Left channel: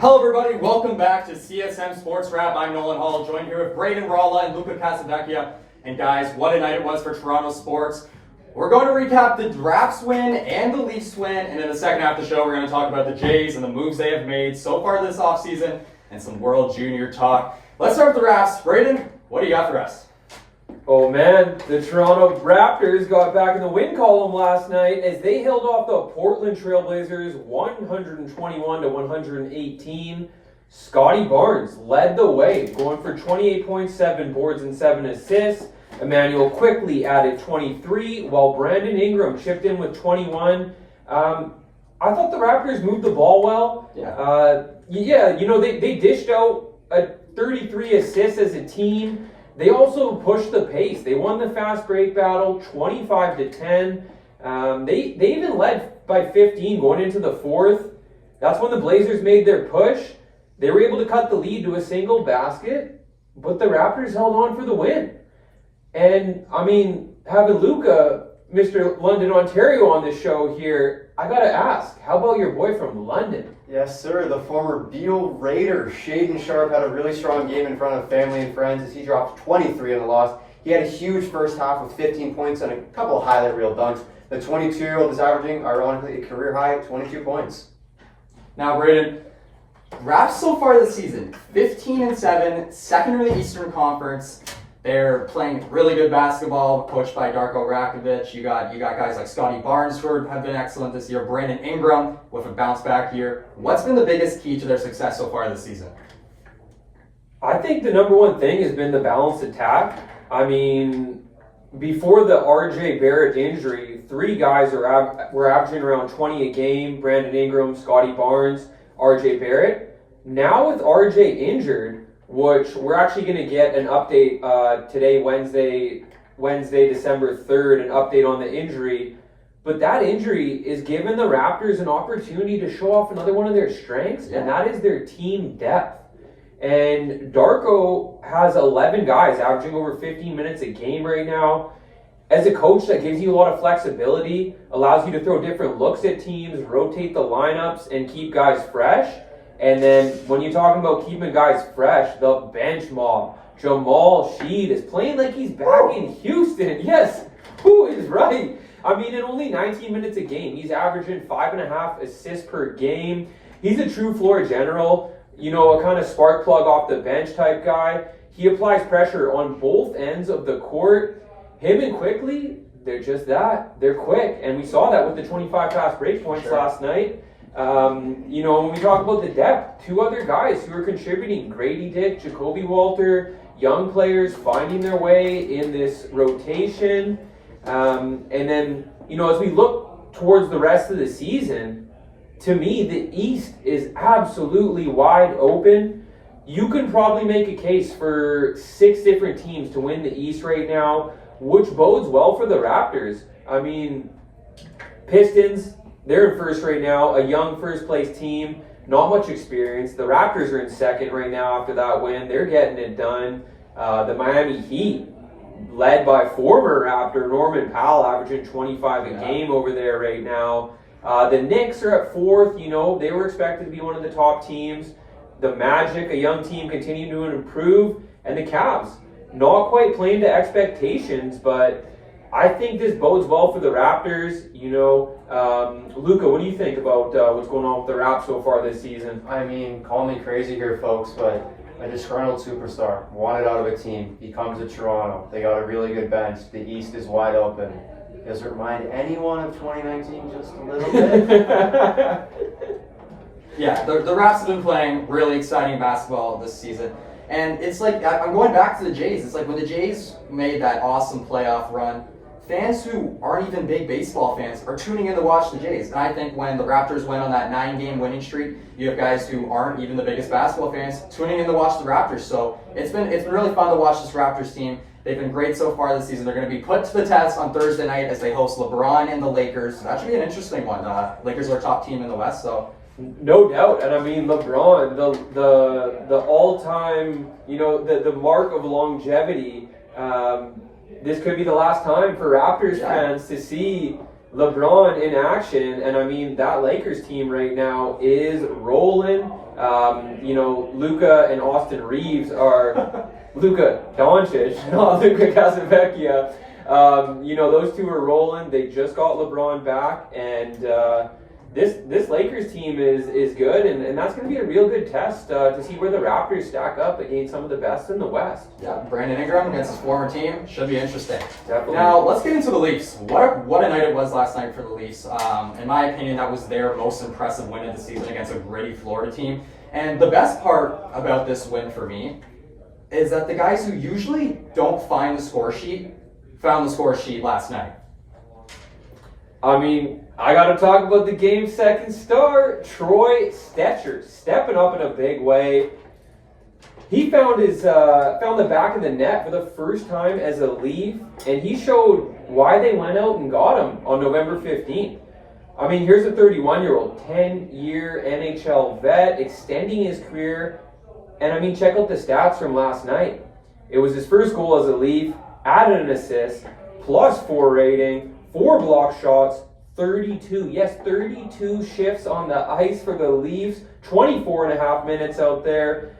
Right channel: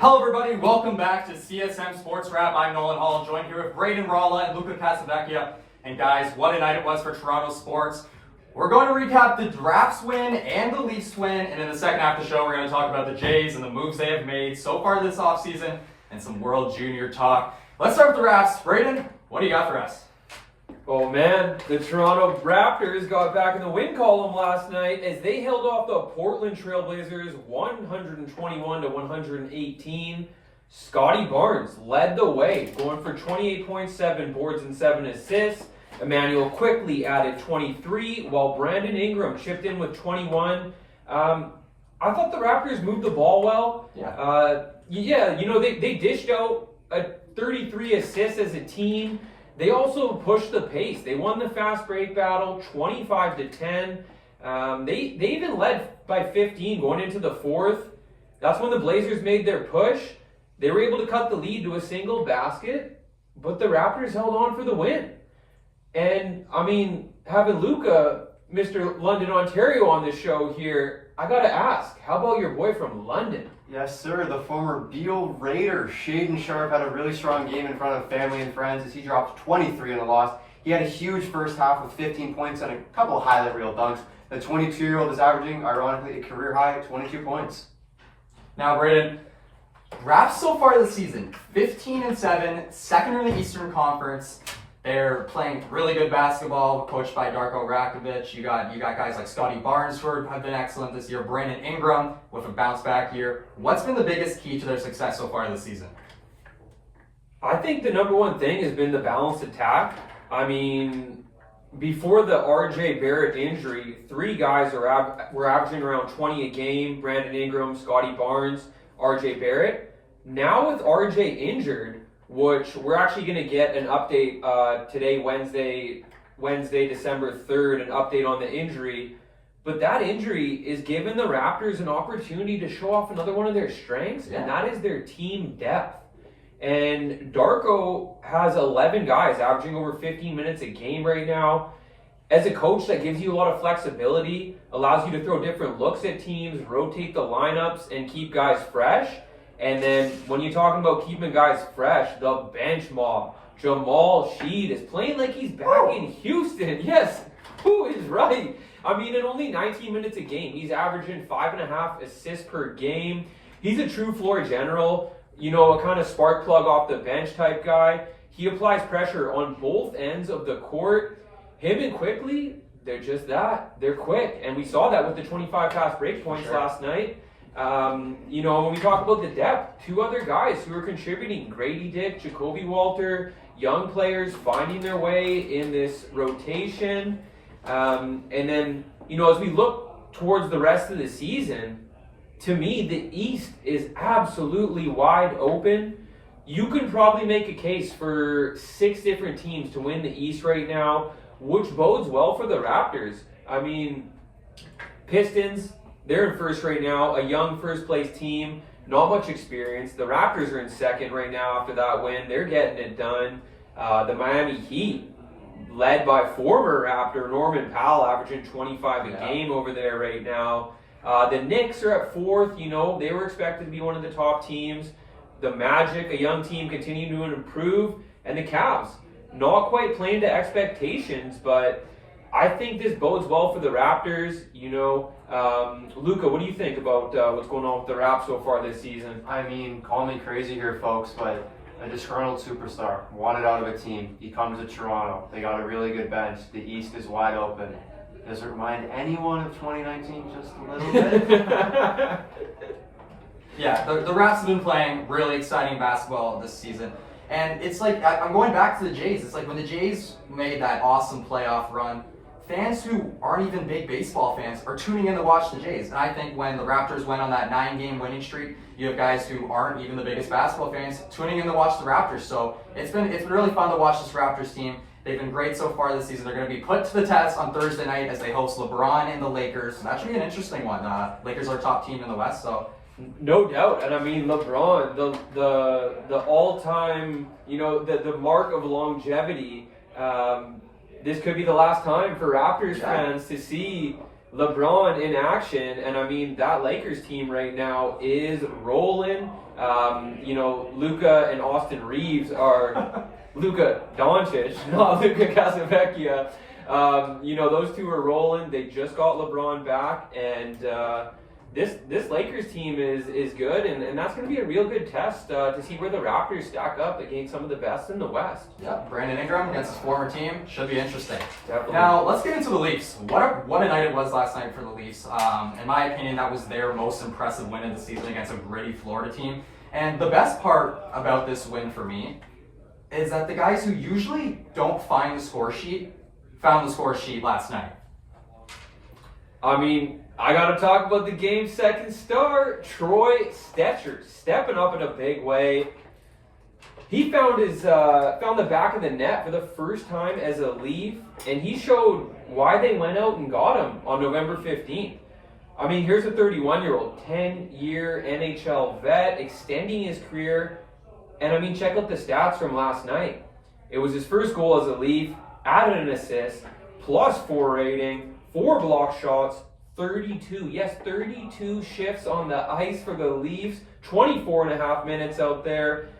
Hello everybody, welcome back to CSM Sports Wrap. I'm Nolan Hall, joined here with Braden Ralla and Luca Casavecchia. And guys, what a night it was for Toronto sports. We're going to recap the Drafts win and the Leafs win, and in the second half of the show, we're going to talk about the Jays and the moves they have made so far this offseason and some World Junior talk. Let's start with the Drafts. Braden, what do you got for us? Oh man, the Toronto Raptors got back in the win column last night as they held off the Portland Trailblazers 121-118. Scotty Barnes led the way, going for 28.7 boards and 7 assists. Emmanuel quickly added 23, while Brandon Ingram chipped in with 21. I thought the Raptors moved the ball well. They dished out 33 assists as a team. They also pushed the pace. They won the fast break battle 25-10. They even led by 15 going into the fourth. That's when the Blazers made their push. They were able to cut the lead to a single basket, but the Raptors held on for the win. And, I mean, having Luca, Mr. London, Ontario on the show here, I got to ask, how about your boy from London? Yes, sir. The former Beal Raider, Shaden Sharp, had a really strong game in front of family and friends as he dropped 23 in the loss. He had a huge first half with 15 points and a couple of highlight reel dunks. The 22-year-old is averaging, ironically, a career high 22 points. Now, Braden, Raps so far this season, 15-7, second in the Eastern Conference. They're playing really good basketball, coached by Darko Rakovic. You got guys like Scotty Barnes who have been excellent this year. Brandon Ingram with a bounce back year. What's been the biggest key to their success so far this season? I think the number one thing has been the balanced attack. I mean, before the RJ Barrett injury, 3 guys were averaging around 20 a game. Brandon Ingram, Scotty Barnes, RJ Barrett. Now with RJ injured, which we're actually going to get an update today, Wednesday, December 3rd, an update on the injury. But that injury is giving the Raptors an opportunity to show off another one of their strengths, and that is their team depth. And Darko has 11 guys averaging over 15 minutes a game right now. As a coach, that gives you a lot of flexibility, allows you to throw different looks at teams, rotate the lineups, and keep guys fresh. And then when you're talking about keeping guys fresh, the bench mob, Jamal Sheed is playing like he's back in Houston. Yes, who is right? I mean, in only 19 minutes a game, he's averaging 5.5 assists per game. He's a true floor general, a kind of spark plug off the bench type guy. He applies pressure on both ends of the court. Him and Quickly, they're just that. They're quick. And we saw that with the 25 fast break points last night. When we talk about the depth, 2 other guys who are contributing, Grady Dick, Jacoby Walter, young players finding their way in this rotation. And then, as we look towards the rest of the season, to me, the East is absolutely wide open. You can probably make a case for 6 different teams to win the East right now, which bodes well for the Raptors. I mean, Pistons, they're in first right now, a young first-place team, not much experience. The Raptors are in second right now after that win. They're getting it done. The Miami Heat, led by former Raptor Norman Powell, averaging 25 a game over there right now. The Knicks are at fourth. They were expected to be one of the top teams. The Magic, a young team, continue to improve. And the Cavs, not quite playing to expectations, but I think this bodes well for the Raptors. Luca, what do you think about what's going on with the Raps so far this season? I mean, call me crazy here, folks, but a disgruntled superstar wanted out of a team. He comes to Toronto. They got a really good bench. The East is wide open. Does it remind anyone of 2019 just a little bit? Yeah, the Raps have been playing really exciting basketball this season. And it's like, I'm going back to the Jays. It's like when the Jays made that awesome playoff run, fans who aren't even big baseball fans are tuning in to watch the Jays. And I think when the Raptors went on that 9-game winning streak, you have guys who aren't even the biggest basketball fans tuning in to watch the Raptors. So it's been really fun to watch this Raptors team. They've been great so far this season. They're going to be put to the test on Thursday night as they host LeBron and the Lakers. That should be an interesting one. Lakers are top team in the West, so. No doubt. And I mean, LeBron, the all-time, the mark of longevity, this could be the last time for Raptors fans to see LeBron in action, and I mean that Lakers team right now is rolling. Luka and Austin Reeves are Luka Doncic, not Luka Casavecchia. Those two are rolling. They just got LeBron back, and this Lakers team is good, and that's going to be a real good test to see where the Raptors stack up against some of the best in the West. Yeah, Brandon Ingram against his former team should be interesting. Definitely. Now let's get into the Leafs. What a night it was last night for the Leafs. In my opinion, that was their most impressive win of the season against a gritty Florida team. And the best part about this win for me is that the guys who usually don't find the score sheet found the score sheet last night. I mean, I got to talk about the game's second star, Troy Stecher, stepping up in a big way. He found the back of the net for the first time as a Leaf, and he showed why they went out and got him on November 15th. I mean, here's a 31-year-old, 10-year NHL vet, extending his career, and I mean, check out the stats from last night. It was his first goal as a Leaf, added an assist, +4 rating, 4 block shots, 32 shifts on the ice for the Leafs, 24 and a half minutes out there.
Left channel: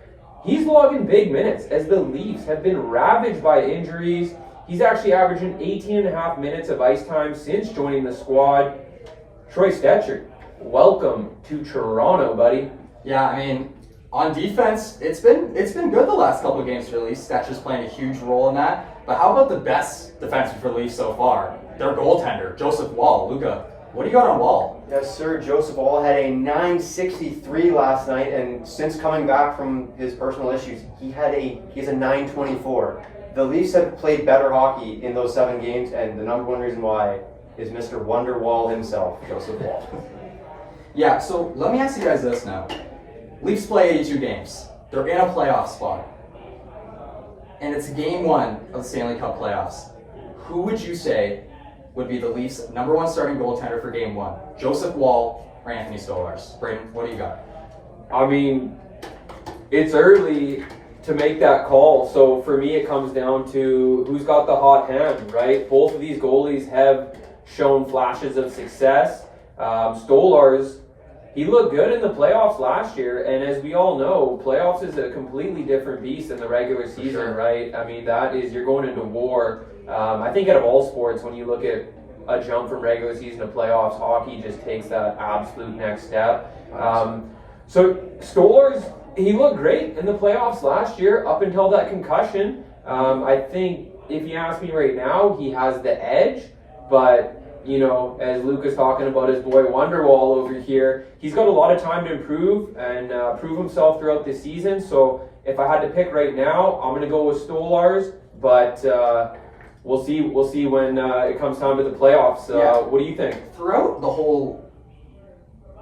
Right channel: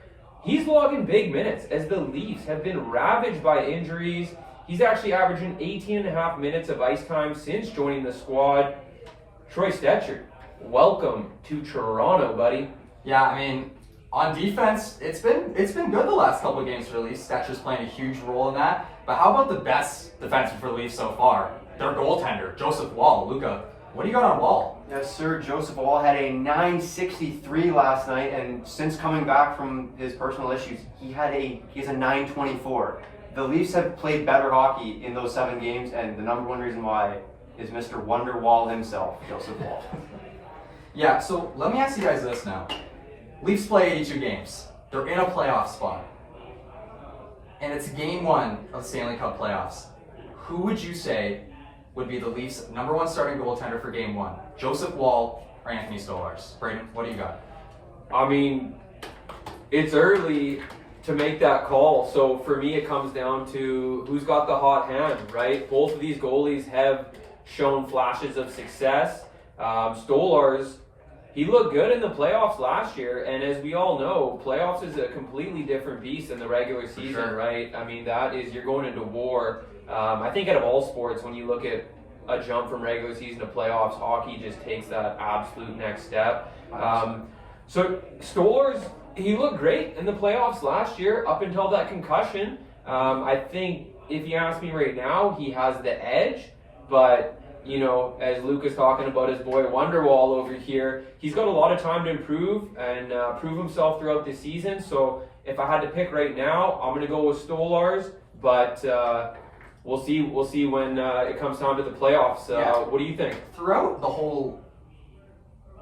He's logging big minutes as the Leafs have been ravaged by injuries. He's actually averaging 18 and a half minutes of ice time since joining the squad. Troy Stecher, welcome to Toronto, buddy. Yeah, I mean, on defense, it's been good the last couple of games for the Leafs. Stecher's playing a huge role in that. But how about the best defenseman for the Leafs so far? Their goaltender, Joseph Wall. Luka, what do you got on Wall? Yes, sir. Joseph Wall had a .963 last night, and since coming back from his personal issues, he has a .924. The Leafs have played better hockey in those 7 games, and the number one reason why is Mr. Wonderwall himself, Joseph Wall. Yeah, so let me ask you guys this now. Leafs play 82 games. They're in a playoff spot. And it's game 1 of the Stanley Cup playoffs. Who would you say would be the Leafs' number 1 starting goaltender for game 1? Joseph Wall or Anthony Stolarz? Braden, what do you got? I mean, it's early to make that call. So for me, it comes down to who's got the hot hand, right? Both of these goalies have shown flashes of success. Stolarz, he looked good in the playoffs last year, and as we all know, playoffs is a completely different beast than the regular season, sure. right? I mean, you're going into war. I think out of all sports, when you look at a jump from regular season to playoffs, hockey just takes that absolute next step. So Stolarz, he looked great in the playoffs last year up until that concussion. I think if you ask me right now, he has the edge, but as Luke is talking about his boy Wonderwall over here, he's got a lot of time to improve and prove himself throughout the season. So if I had to pick right now, I'm going to go with Stolarz, but we'll see when it comes time to the playoffs. What do you think? Throughout the whole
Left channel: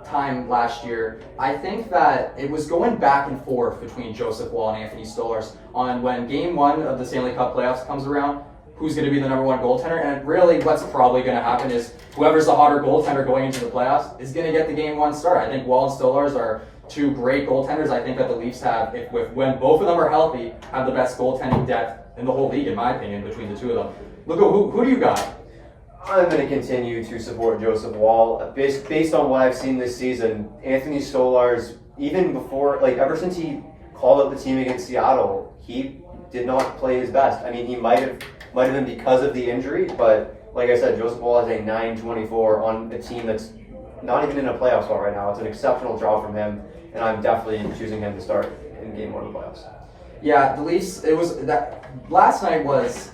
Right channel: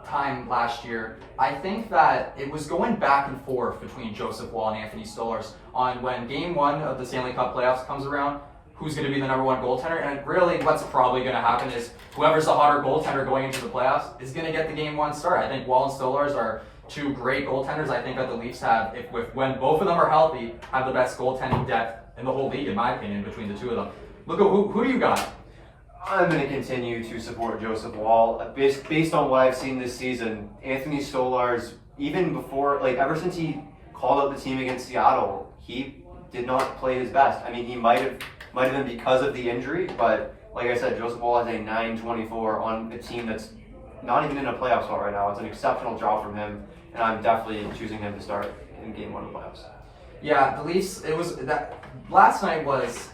time last year, I think that it was going back and forth between Joseph Wall and Anthony Stolarz on when game 1 of the Stanley Cup playoffs comes around, who's going to be the number 1 goaltender. And really what's probably going to happen is whoever's the hotter goaltender going into the playoffs is going to get the game 1 start. I think Wall and Stolarz are 2 great goaltenders. I think that the Leafs have, when both of them are healthy, have the best goaltending depth in the whole league, in my opinion, between the 2 of them. Look, who do you got? I'm going to continue to support Joseph Wall. Based on what I've seen this season, Anthony Stolarz, even before, ever since he called up the team against Seattle, he did not play his best. I mean, he might have been because of the injury, but like I said, Joseph Wall has a .924 on a team that's not even in a playoff spot right now. It's an exceptional job from him, and I'm definitely choosing him to start in game 1 of the playoffs. Yeah, the Leafs, last night was,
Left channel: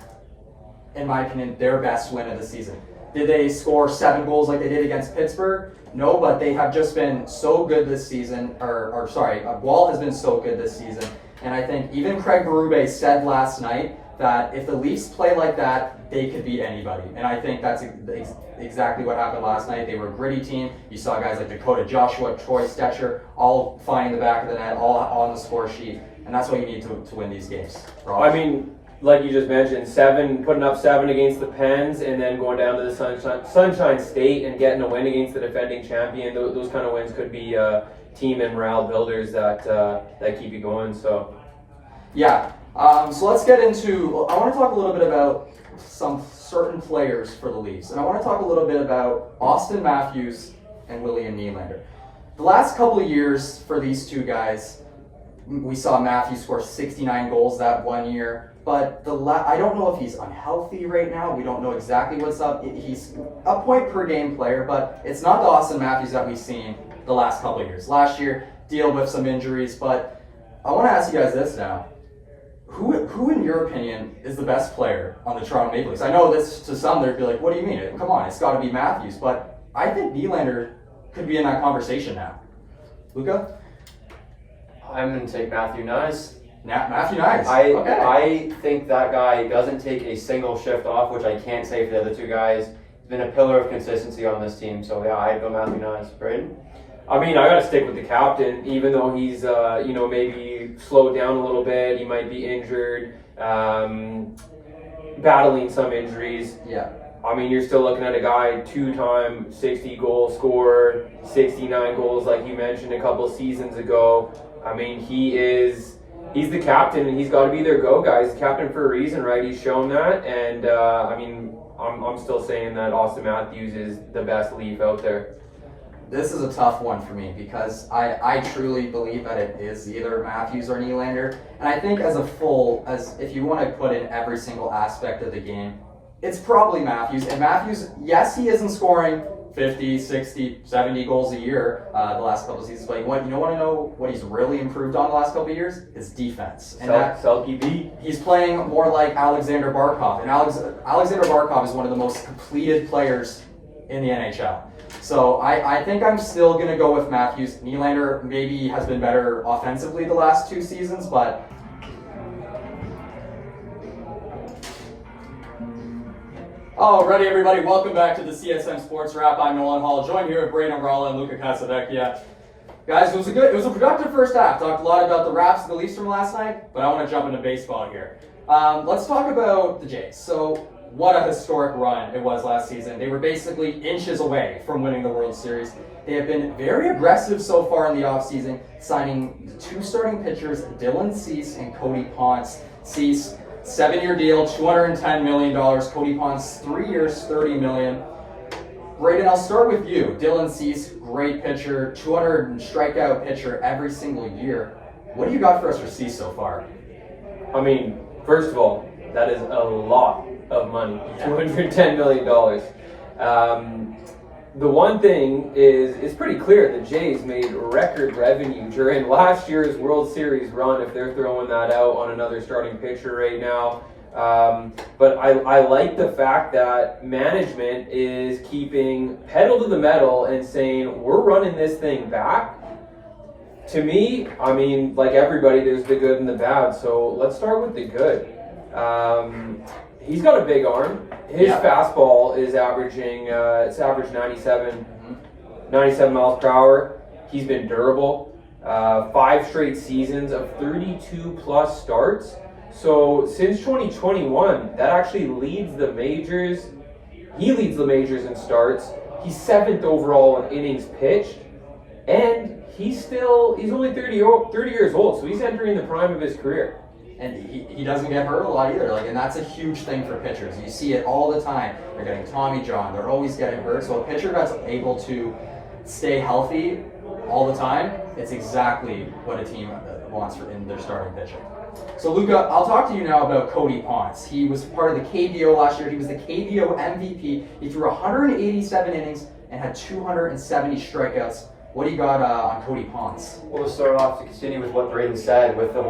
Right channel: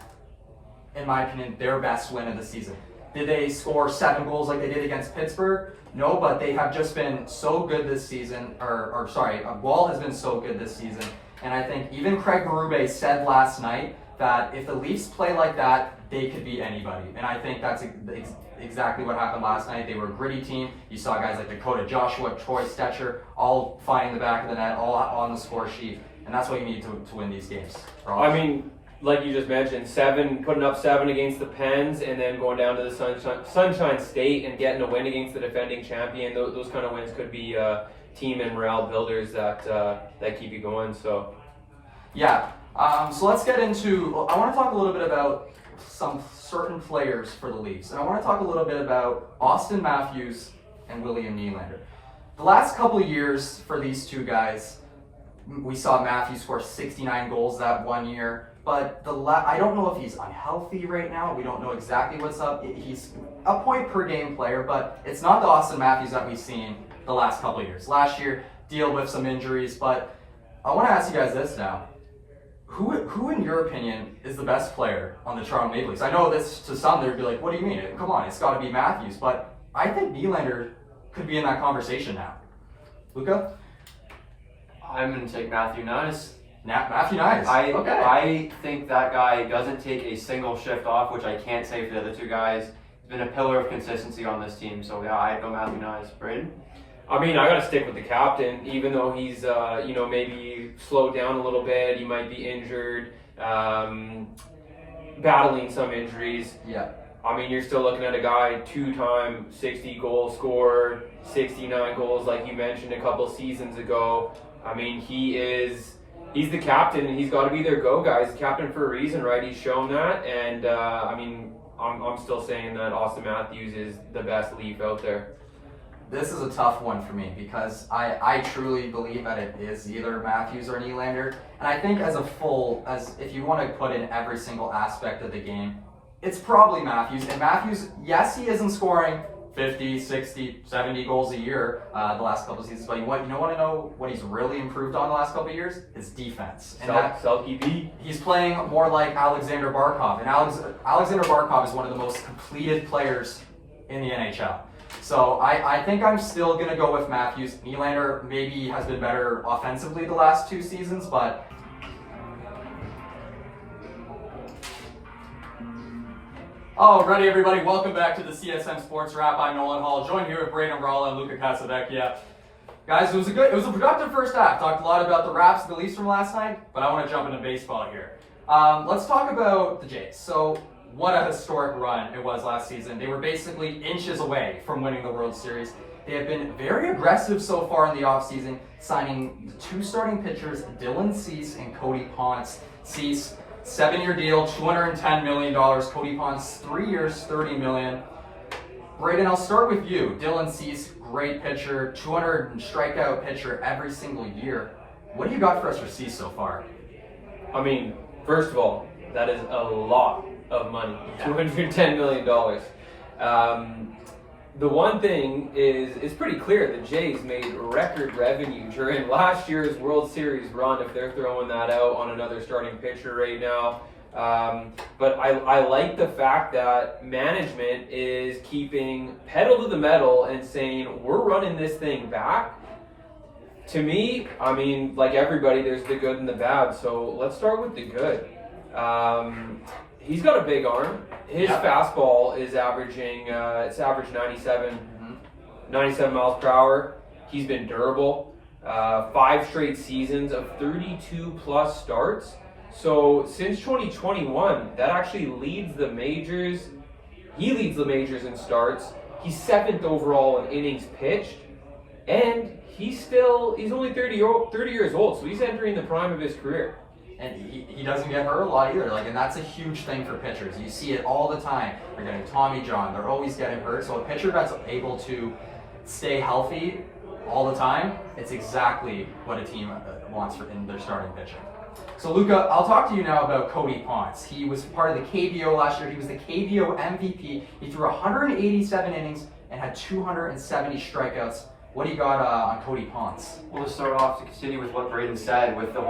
in my opinion, their best win of the season. Did they score 7 goals like they did against Pittsburgh? No, but they have just been so good this season, Wall has been so good this season, and I think even Craig Berube said last night that if the Leafs play like that, they could beat anybody. And I think that's exactly what happened last night. They were a gritty team. You saw guys like Dakota Joshua, Troy Stecher, all finding the back of the net, all on the score sheet. And that's what you need to win these games. I mean, like you just mentioned, putting up 7 against the Pens and then going down to the Sunshine State and getting a win against the defending champion. Those kind of wins could be team and morale builders that keep you going. So, yeah. So let's get into. I want to talk a little bit about some certain players for the Leafs, and I want to talk a little bit about Austin Matthews and William Nylander. The last couple of years for these two guys, we saw Matthews score 69 goals that one year, but I don't know if he's unhealthy right now. We don't know exactly what's up. He's a point per game player, but it's not the Austin Matthews that we've seen the last couple of years. Last year, deal with some injuries, but I want to ask you guys this now. Who, in your opinion, is the best player on the Toronto Maple Leafs? I know this, to some, they'd be like, what do you mean? Come on, it's got to be Matthews. But I think Nylander could be in that conversation now. Luca? I'm going to take Matthew Knies. Matthew Knies. Okay. I think that guy doesn't take a single shift off, which I can't say for the other two guys. He's been a pillar of consistency on this team. So, yeah, I'd go Matthew Knies. Braden? I mean, I got to stick with the captain, even though he's, maybe slowed down a little bit. He might be injured, battling some injuries. Yeah. I mean, you're still looking at a guy, 2-time 60-goal scorer, 69 goals, like you mentioned a couple seasons ago. I mean, he's the captain, and he's got to be their go guy. He's the captain for a reason, right? He's shown that, and I'm still saying that Austin Matthews is the best Leaf out there. This is a tough one for me because I truly believe that it is either Matthews or Nylander. And I think as if you want to put in every single aspect of the game, it's probably Matthews. And Matthews, yes, he isn't scoring 50, 60, 70 goals a year the last couple of seasons, but you want to know what he's really improved on the last couple of years? His defense. And Selke V. He's playing more like Alexander Barkov. And Alexander Barkov is one of the most completed players in the NHL. So I think I'm still going to go with Matthews. Nylander maybe has been better offensively the last two seasons, but... Alrighty, everybody, welcome back to the CSM Sports Wrap. I'm Nolan Hall, joined here with Braden O'Rourke and Luca Casavecchia. Guys, it was a productive first half. Talked a lot about the Raps and the Leafs from last night, but I want to jump into baseball here. Let's talk about the Jays. So, what a historic run it was last season. They were basically inches away from winning the World Series. They have been very aggressive so far in the offseason, signing the two starting pitchers, Dylan Cease and Cody Ponce. Cease, 7-year deal, $210 million. Cody Ponce, 3 years, $30 million. Braden, I'll start with you. Dylan Cease, great pitcher, 200 strikeout pitcher every single year. What do you got for us for Cease so far? I mean, first of all, that is a lot of money, $210 million. The one thing is pretty clear. The Jays made record revenue during last year's World Series run, if they're throwing that out on another starting pitcher right now. But I like the fact that management is keeping pedal to the metal and saying, we're running this thing back. To me, I mean, like everybody, there's the good and the bad. So let's start with the good. He's got a big arm. His fastball is averaging, it's average 97 miles per hour. He's been durable. 5 straight seasons of 32 plus starts. So since 2021, that actually leads the majors. He leads the majors in starts. He's 7th overall in innings pitched. And he's only 30 years old, so he's entering the prime of his career. And he doesn't get hurt a lot either. And that's a huge thing for pitchers. You see it all the time. They're getting Tommy John. They're always getting hurt. So a pitcher that's able to stay healthy all the time, it's exactly what a team wants in their starting pitching. So Luca, I'll talk to you now about Cody Ponce. He was part of the KBO last year. He was the KBO MVP. He threw 187 innings and had 270 strikeouts. What do you got on Cody Ponce? Well, to start off, to continue with what Braden said, with the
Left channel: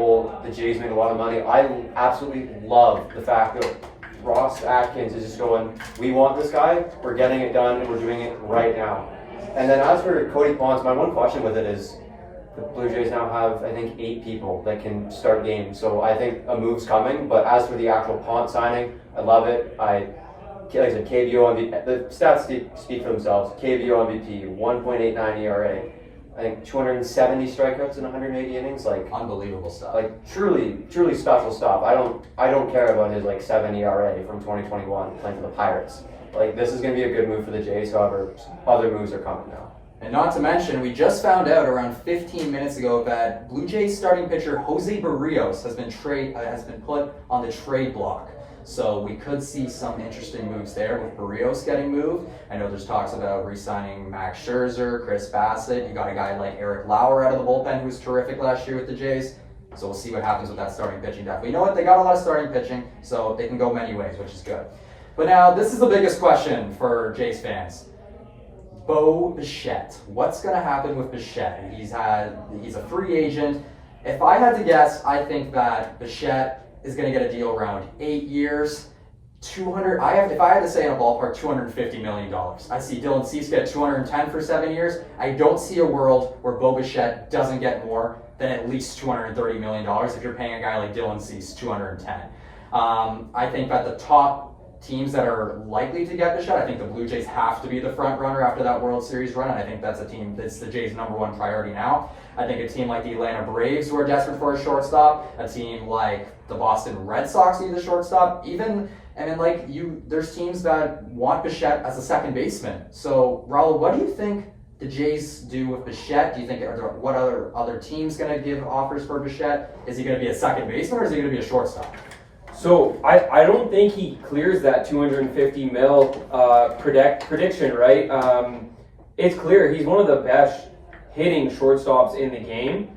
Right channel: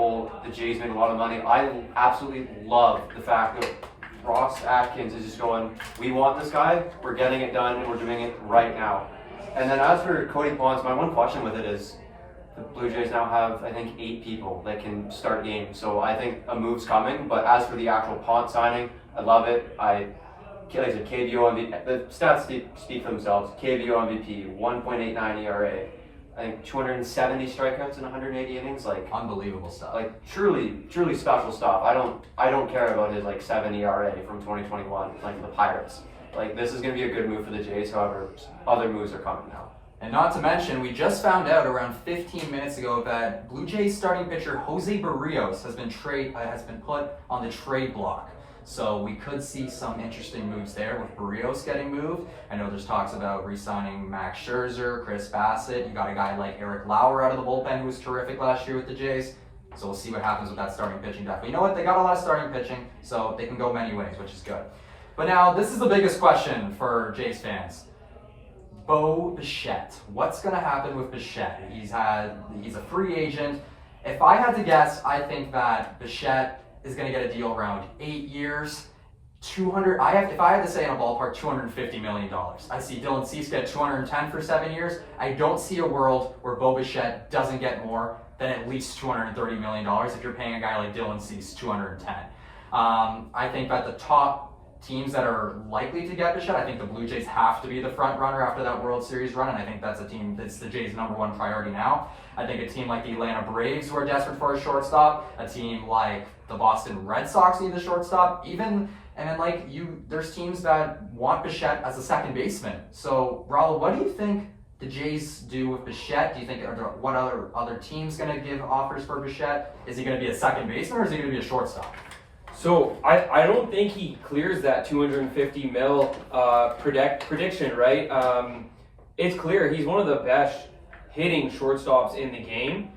Jays made a lot of money, I absolutely love the fact that Ross Atkins is just going, we want this guy, we're getting it done, and we're doing it right now. And then as for Cody Ponce, my one question with it is, the Blue Jays now have, I think, 8 people that can start games. So I think a move's coming, but as for the actual Ponce signing, I love it. Like I said, KBO MVP, the stats speak for themselves. KBO MVP, 1.89 ERA. I think 270 strikeouts in 180 innings. Unbelievable stuff. Truly special stuff. I don't care about his 7 ERA from 2021 playing for the Pirates. This is going to be a good move for the Jays. However, other moves are coming now. And not to mention, we just found out around 15 minutes ago that Blue Jays starting pitcher Jose Barrios has been put on the trade block. So we could see some interesting moves there with Barrios getting moved. I know there's talks about re-signing Max Scherzer, Chris Bassett. You got a guy like Eric Lauer out of the bullpen who was terrific last year with the Jays. So we'll see what happens with that starting pitching depth. But you know what? They got a lot of starting pitching, so they can go many ways, which is good. But now, this is the biggest question for Jays fans. Bo Bichette. What's going to happen with Bichette? He's a free agent. If I had to guess, I think that Bichette is going to get a deal around 8 years. If I had to say in a ballpark, $250 million. I see Dylan Cease get 210 for 7 years. I don't see a world where Bo Bichette doesn't get more than at least $230 million if you're paying a guy like Dylan Cease 210. I think that the top teams that are likely to get Bichette, I think the Blue Jays have to be the front runner after that World Series run, and I think that's a team that's the Jays' number one priority now. I think a team like the Atlanta Braves, who are desperate for a shortstop, a team like the Boston Red Sox need a shortstop, there's teams that want Bichette as a second baseman. So, Raul, what do you think the Jays do with Bichette? Do you think what other teams going to give offers for Bichette? Is he going to be a second baseman or is he going to be a shortstop? So I don't think he clears that 250 mil prediction, right? It's clear he's one of the best hitting shortstops in the game.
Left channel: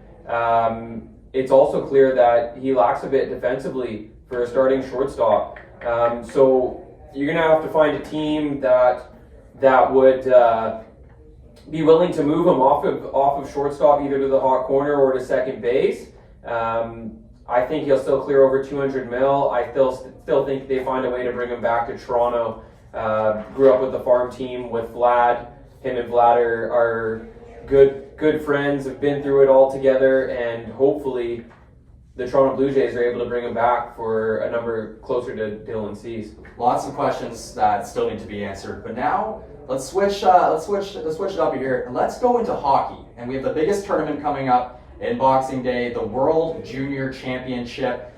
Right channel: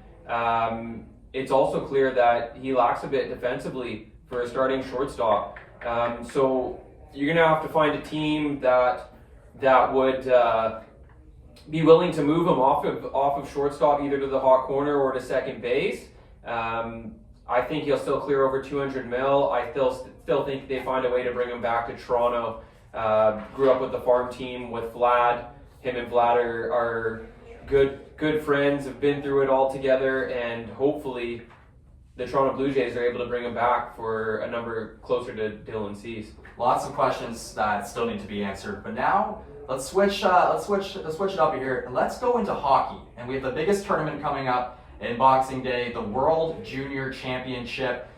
It's also clear that he lacks a bit defensively for a starting shortstop. So you're gonna have to find a team that would be willing to move him off of shortstop, either to the hot corner or to second base. I think he'll still clear over 200 mil. I still think they find a way to bring him back to Toronto. Grew up with the farm team with Vlad. Him and Vlad are good friends, have been through it all together, and hopefully the Toronto Blue Jays are able to bring him back for a number closer to Dylan Cease. Lots of questions that still need to be answered, but now let's switch it up here and let's go into hockey. And we have the biggest tournament coming up in Boxing Day, the World Junior Championship.